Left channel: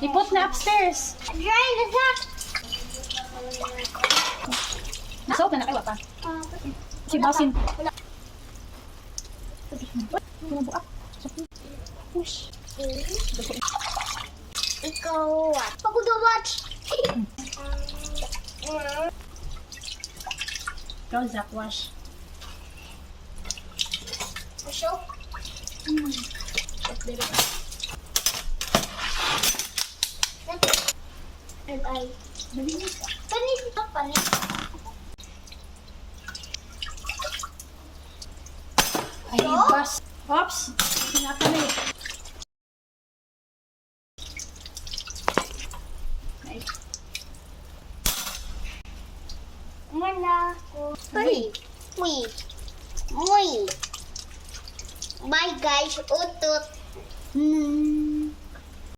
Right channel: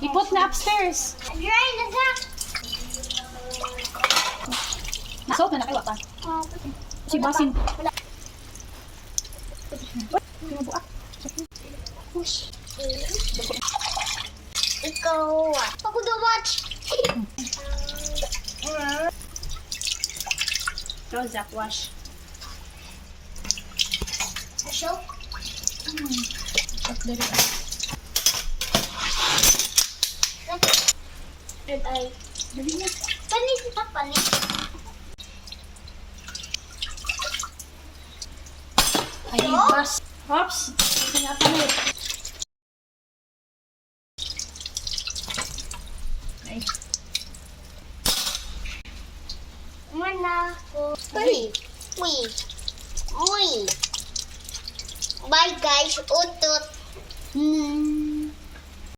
Ipot na upstairs. Dry na siya. Nasot na nakaiwa pa. Si Basin. Wala. Pinabuak. Push. Ikaw ah. Pagod na watch. Prozac wash. Ashok. Dere. Red eye. Dali na. Panis na panis. Ay, bas. Oops. Sinapalit. Ay. Mana ko. Uy. Uy. Uy. Bye guys. Utot.